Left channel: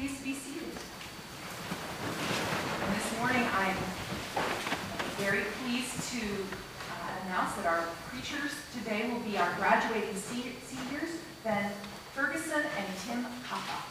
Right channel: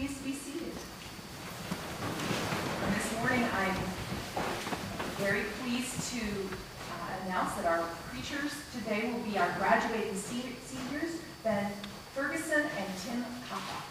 Please be seated. And this morning I'm very pleased to announce that our preachers today will be our graduating seniors, BenFerguson and Tim Kappa.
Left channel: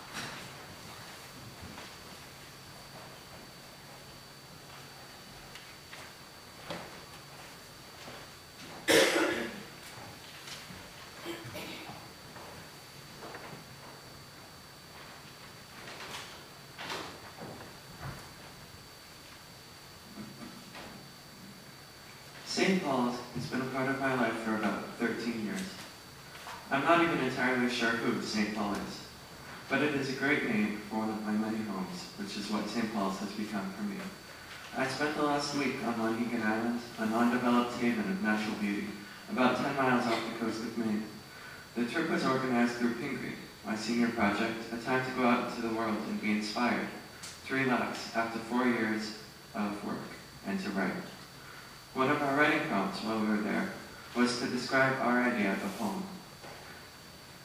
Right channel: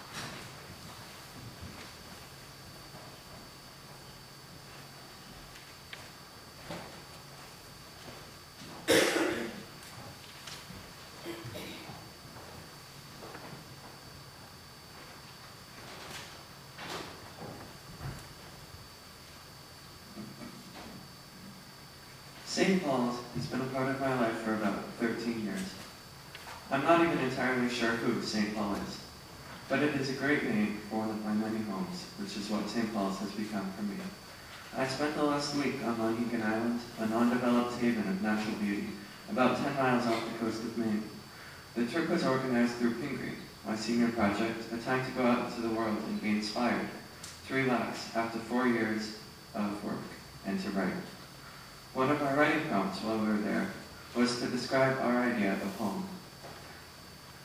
St. Paul's has been a part of my life for about 13 years. I'm not even entirely sure who St. Paul is, but it is a great name for one of my many homes, which is what St. Paul's has become for me. I spent the last week on Mohegan Island, an undeveloped haven of natural beauty, about 10 miles off the coast of Maine. The trip was organized through Pingree, my senior project, a time to go out into the world and be inspired, to relax after 4 years of work, and to write. One of our writing prompts while we were there was to describe our idea of home.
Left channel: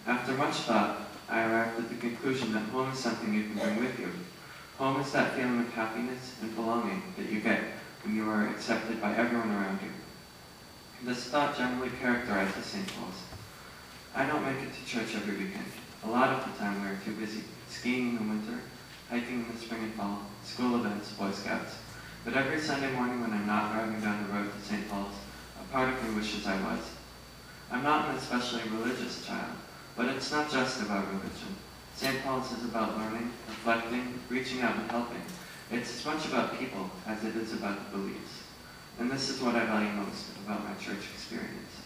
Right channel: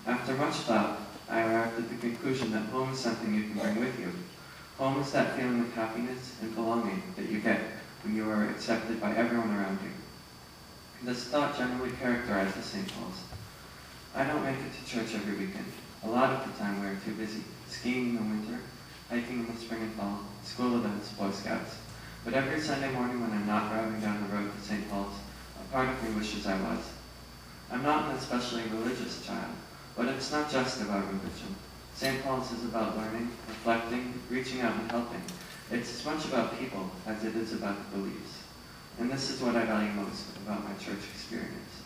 After much thought, I arrived at the conclusion that home is something you can bring with you. Home is that feeling of happiness and belonging that you get when you are accepted by everyone around you. This thought generally characterizes St. Paul's. I don't make it to church every weekend. A lot of the time we are too busy, skiing in the winter, hiking in the spring and fall, school events, Boy Scouts. But every Sunday morning when I'm not driving down the road to St. Paul's, a part of me wishes I was. I'm not an especially religious child, but it's not just about religion. St. Paul's is about learning, reflecting, reaching out and helping. It's as much about people as it is about the beliefs. And this is what I value most about my church experience.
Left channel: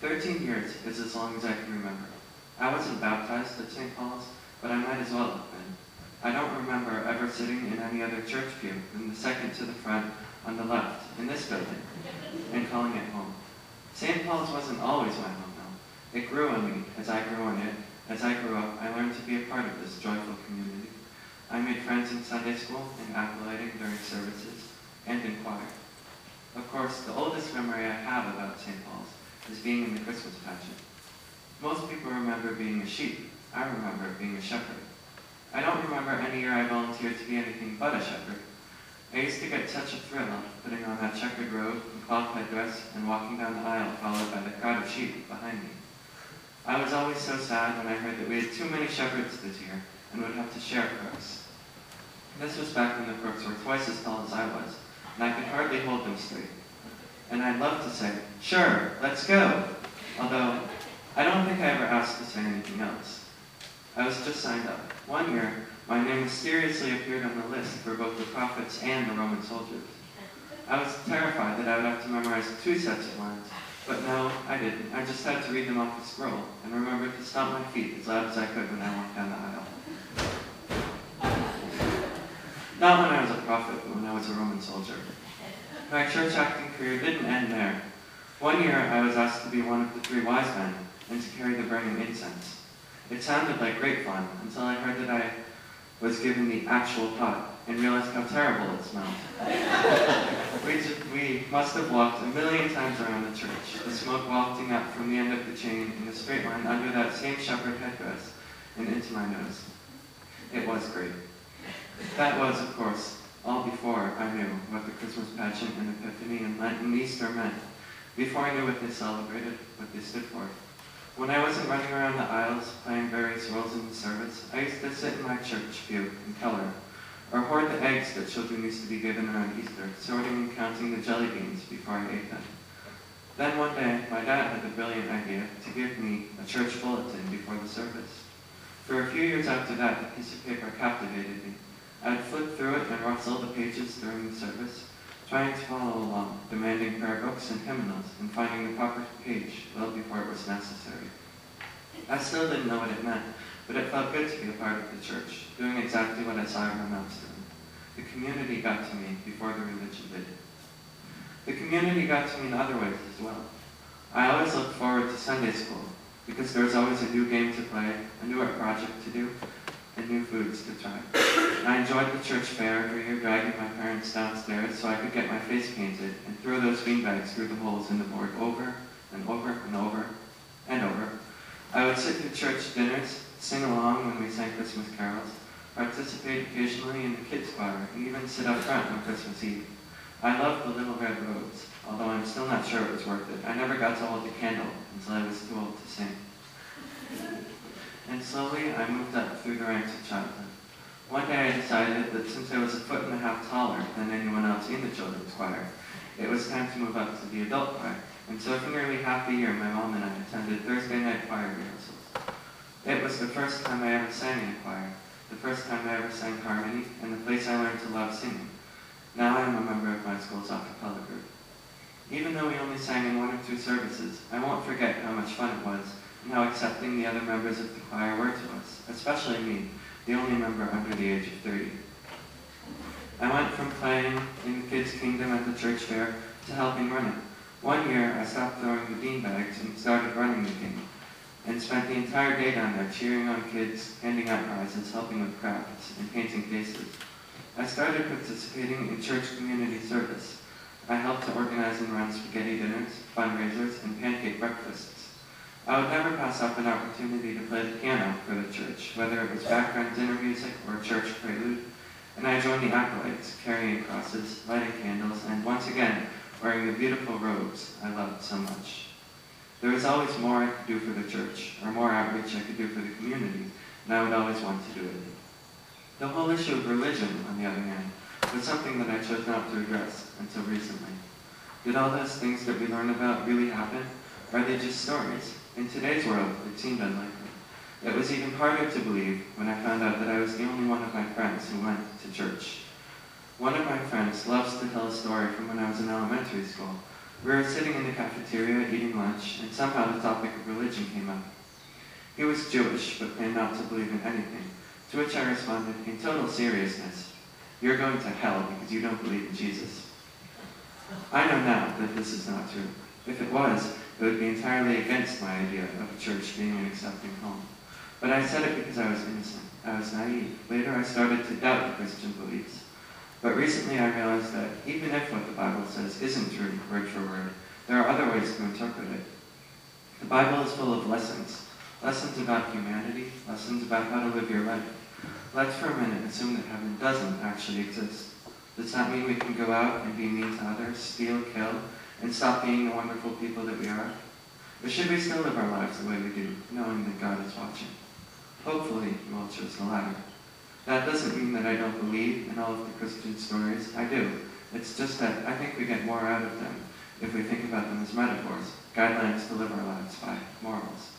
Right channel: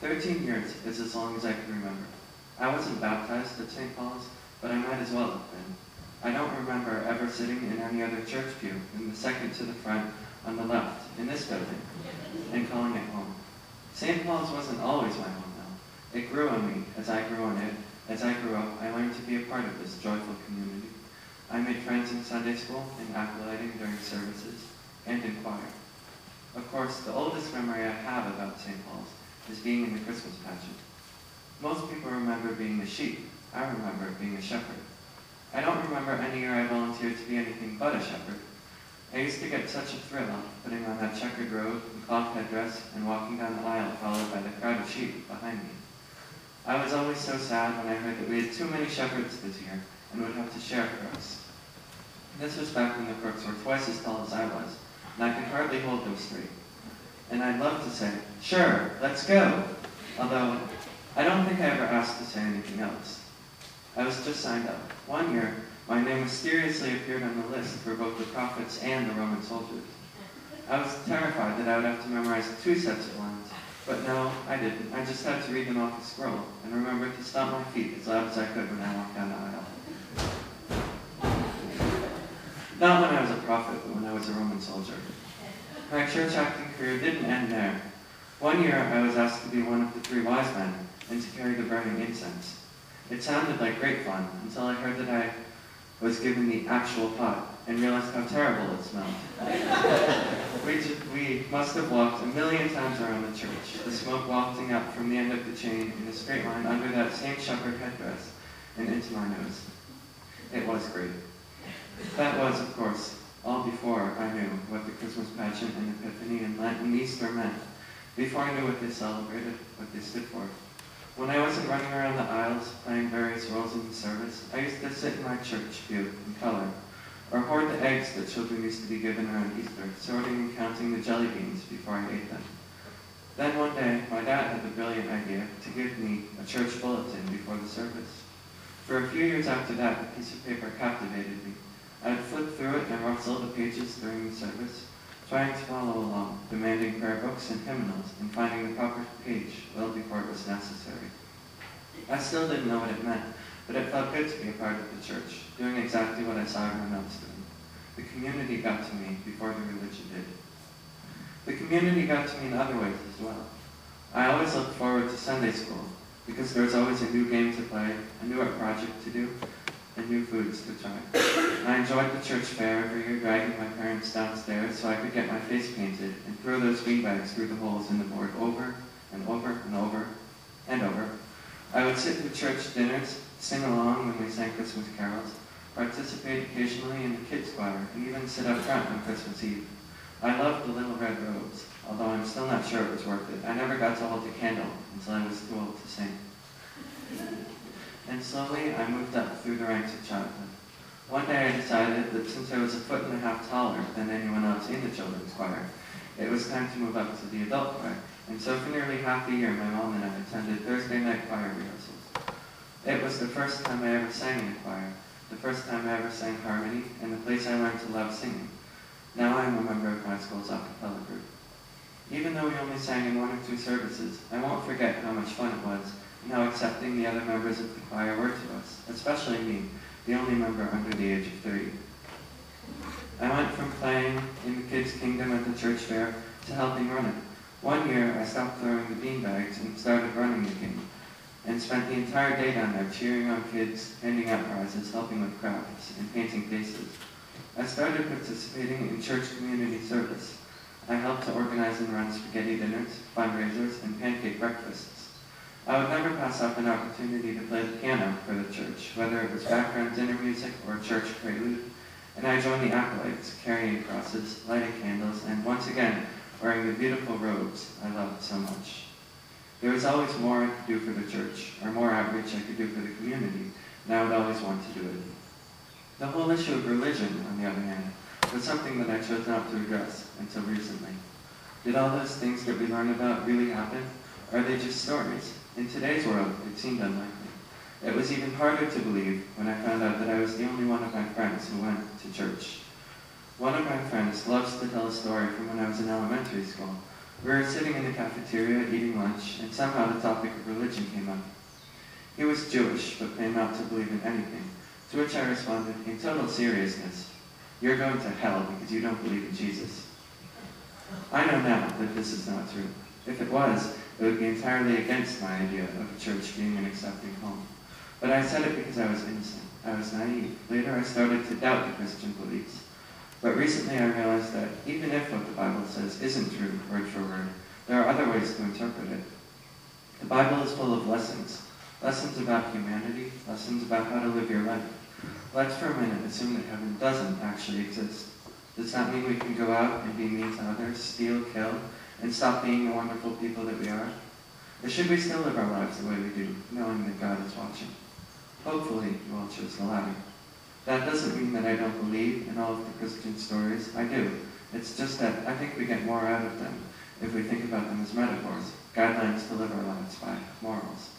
13 years is as long as I can remember. I wasn't baptized at St. Paul's, but I might as well have been. I don't remember ever sitting in any other church pew than the second to the front on the left in this building and calling it home. St. Paul's wasn't always my home, though. It grew on me as I grew on it. As I grew up, I learned to be a part of this joyful community. I made friends in Sunday school and acolyting during services and in choir. Of course, the oldest memory I have about St. Paul's is being in the Christmas pageant. Most people remember being a sheep. I remember being a shepherd. I don't remember any year I volunteered to be anything but a shepherd. I used to get such a thrill out of putting on that checkered robe and cloth headdress and walking down the aisle followed by the crowd of sheep behind me. I was always so sad when I heard that we had too many shepherds this year and would have to share crooks. This was back when the crooks were twice as tall as I was, and I could hardly hold them straight. And I'd love to say, "Sure, let's go," although I don't think I ever asked to say anything else. I was just signed up. One year, my name mysteriously appeared on the list for both the prophets and the Roman soldiers. I was terrified that I would have to memorize 2 sets of lines, but no, I didn't. I just had to read them off the scroll and remembered to stomp my feet as loud as I could when I walked down the aisle. Not when I was a prophet, but when I was a Roman soldier. My church acting career didn't end there. One year, I was asked to be one of the 3 wise men and to carry the burning incense. It sounded like great fun until I heard that I was given the actual pot and realized how terrible it smelled. We must have walked a million times around the church, the smoke wafting up from the end of the chain in a straight line under that same shepherd headdress and into my nose. It was great. That was, of course, all before I knew what the Christmas pageant and Epiphany and Lent and Easter meant, before I knew what they celebrated, what they stood for. When I wasn't running around the aisles, playing various roles in the service, I used to sit in my church pew and color, or hoard the eggs that children used to be given around Easter, sorting and counting the jelly beans before I ate them. Then one day, my dad had the brilliant idea to give me a church bulletin before the service. For a few years after that, the piece of paper captivated me. I'd flip through it and rustle the pages during the service, trying to follow along, demanding prayer books and hymnals, and finding the proper page well before it was necessary. I still didn't know what it meant, but it felt good to be a part of the church, doing exactly what I saw everyone else doing. The community got to me before the religion did. The community got to me in other ways as well. I always looked forward to Sunday school, because there was always a new game to play, a new art project to do, and new foods to try. I enjoyed the church fair every year, dragging my parents downstairs so I could get my face painted and throw those beanbags through the holes in the board over and over and over and over. I would sit through church dinners, sing along when we sang Christmas carols, participate occasionally in the kids' choir, and even sit up front on Christmas Eve. I loved the little red robes, although I'm still not sure it was worth it. I never got to hold a candle until I was too old to sing. And slowly, I moved up through the ranks of childhood. One day I decided that since I was 1.5 feet taller than anyone else in the children's choir, it was time to move up to the adult choir. And so for nearly half a year, my mom and I attended Thursday night choir rehearsals. It was the first time I ever sang in a choir, the first time I ever sang harmony, and the place I learned to love singing. Now I am a member of my school's a cappella group. Even though we only sang in 1 or 2 services, I won't forget how much fun it was and how accepting the other members of the choir were to us, especially me, the only member under the age of 30. I went from playing in the kids' kingdom at the church fair to helping run it. One year, I stopped throwing the beanbags and started running the game, and spent the entire day down there cheering on kids, handing out prizes, helping with crafts, and painting faces. I started participating in church community service. I helped to organize and run spaghetti dinners, fundraisers, and pancake breakfasts. I would never pass up an opportunity to play the piano for the church, whether it was background dinner music or church prelude, and I joined the acolytes, carrying crosses, lighting candles, and once again, wearing the beautiful robes I loved so much. There was always more I could do for the church, or more outreach I could do for the community, and I would always want to do it. The whole issue of religion, on the other hand, was something that I chose not to address until recently. Did all those things that we learn about really happen? Or are they just stories? In today's world, it seemed unlikely. It was even harder to believe when I found out that I was the only one of my friends who went to church. One of my friends loves to tell a story from when I was in elementary school. We were sitting in the cafeteria eating lunch, and somehow the topic of religion came up. He was Jewish, but claimed not to believe in anything, to which I responded in total seriousness, "You're going to hell because you don't believe in Jesus." I know now that this is not true. If it was, it would be entirely against my idea of a church being an accepting home. But I said it because I was innocent. I was naive. Later I started to doubt the Christian beliefs. But recently I realized that even if what the Bible says isn't true word for word, there are other ways to interpret it. The Bible is full of lessons. Lessons about humanity, lessons about how to live your life. Let's for a minute assume that heaven doesn't actually exist. Does that mean we can go out and be mean to others, steal, kill, and stop being the wonderful people that we are? Or should we still live our lives the way we do, knowing that God is watching? Hopefully you all chose the latter. That doesn't mean that I don't believe in all of the Christian stories. I do. It's just that I think we get more out of them if we think about them as metaphors, guidelines to live our lives by, morals.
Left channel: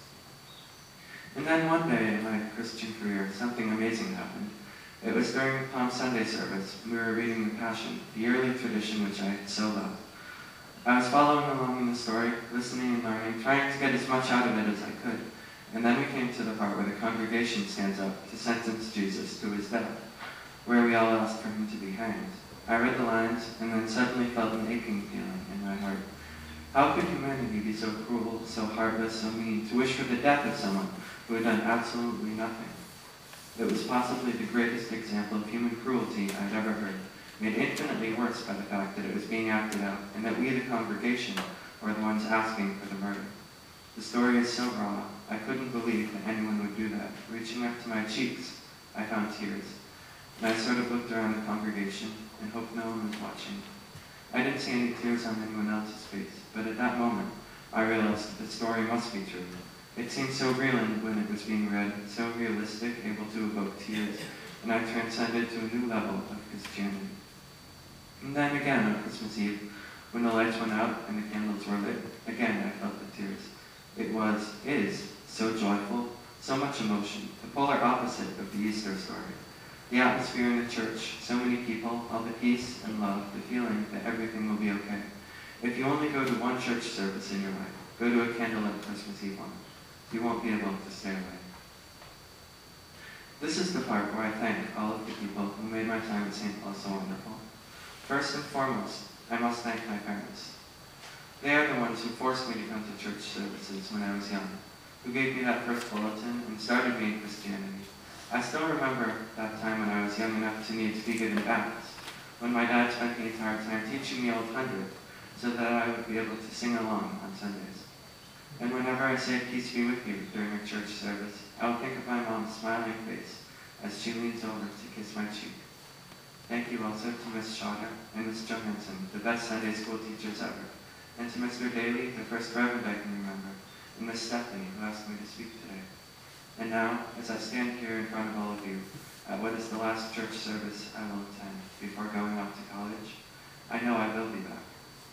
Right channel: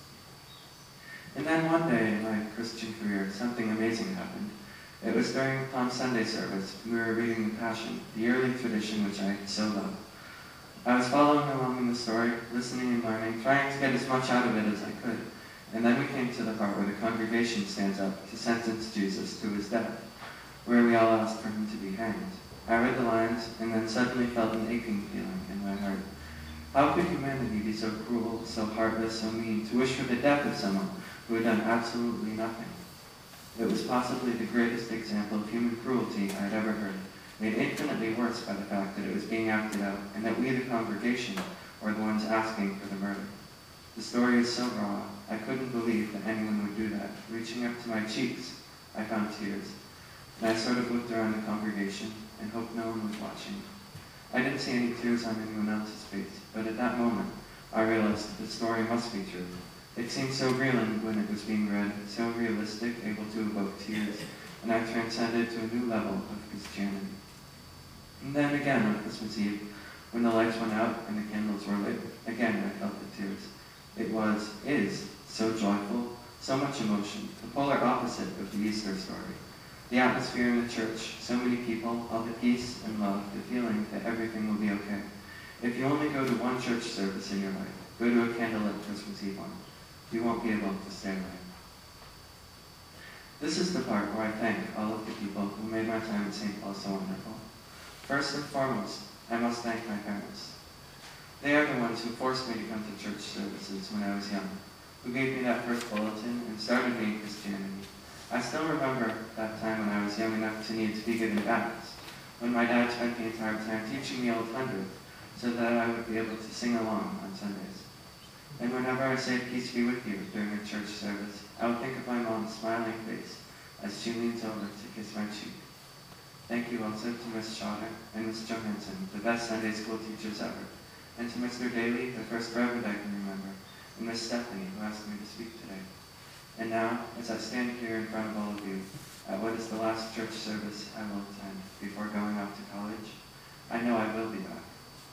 And then one day in my Christian career, something amazing happened. It was during the Palm Sunday service, and we were reading the Passion, the yearly tradition which I so loved. I was following along in the story, listening and learning, trying to get as much out of it as I could. And then we came to the part where the congregation stands up to sentence Jesus to his death, where we all asked for him to be hanged. I read the lines, and then suddenly felt an aching feeling in my heart. How could humanity be so cruel, so heartless, so mean, to wish for the death of someone who had done absolutely nothing? It was possibly the greatest example of human cruelty I had ever heard, made infinitely worse by the fact that it was being acted out, and that we, the congregation, were the ones asking for the murder. The story is so raw, I couldn't believe that anyone would do that. Reaching up to my cheeks, I found tears, and I sort of looked around the congregation and hoped no one was watching. I didn't see any tears on anyone else's face, but at that moment, I realized that the story must be true. It seemed so real when it was being read, so realistic, able to evoke tears, and I transcended to a new level of Christianity. And then again on Christmas Eve, when the lights went out and the candles were lit, again I felt the tears. It is so joyful, so much emotion, the polar opposite of the Easter story. The atmosphere in the church, so many people, all the peace and love, the feeling that everything will be okay. If you only go to one church service in your life, go to a candlelit Christmas Eve one, you won't be able to stay away. This is the part where I thank all of the people who made my time at St. Paul so wonderful. First and foremost, I must thank my parents. They are the ones who forced me to come to church services when I was young, who gave me that first bulletin and started me in Christianity. I still remember that time when I was young enough to need to be given Baptist, when my dad spent the entire time teaching me Old Hundredth so that I would be able to sing along on Sundays. And whenever I say peace be with you during a church service, I will think of my mom's smiling face as she leans over to kiss my cheek. Thank you also to Miss Schotter and Miss Johansson, the best Sunday school teachers ever, and to Mr. Daly, the first reverend I can remember, and Miss Stephanie, who asked me to speak today. And now, as I stand here in front of all of you, at what is the last church service I will attend before going off to college, I know I will be back,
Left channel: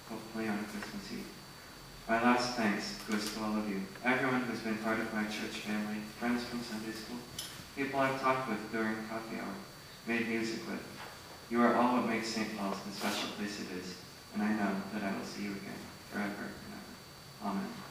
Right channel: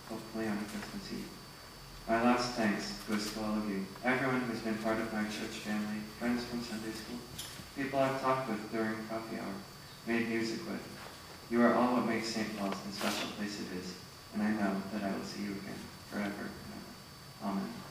hopefully on Christmas Eve. My last thanks goes to all of you, everyone who's been part of my church family, friends from Sunday school, people I've talked with during coffee hour, made music with. You are all what makes St. Paul's the special place it is, and I know that I will see you again forever and ever. Amen.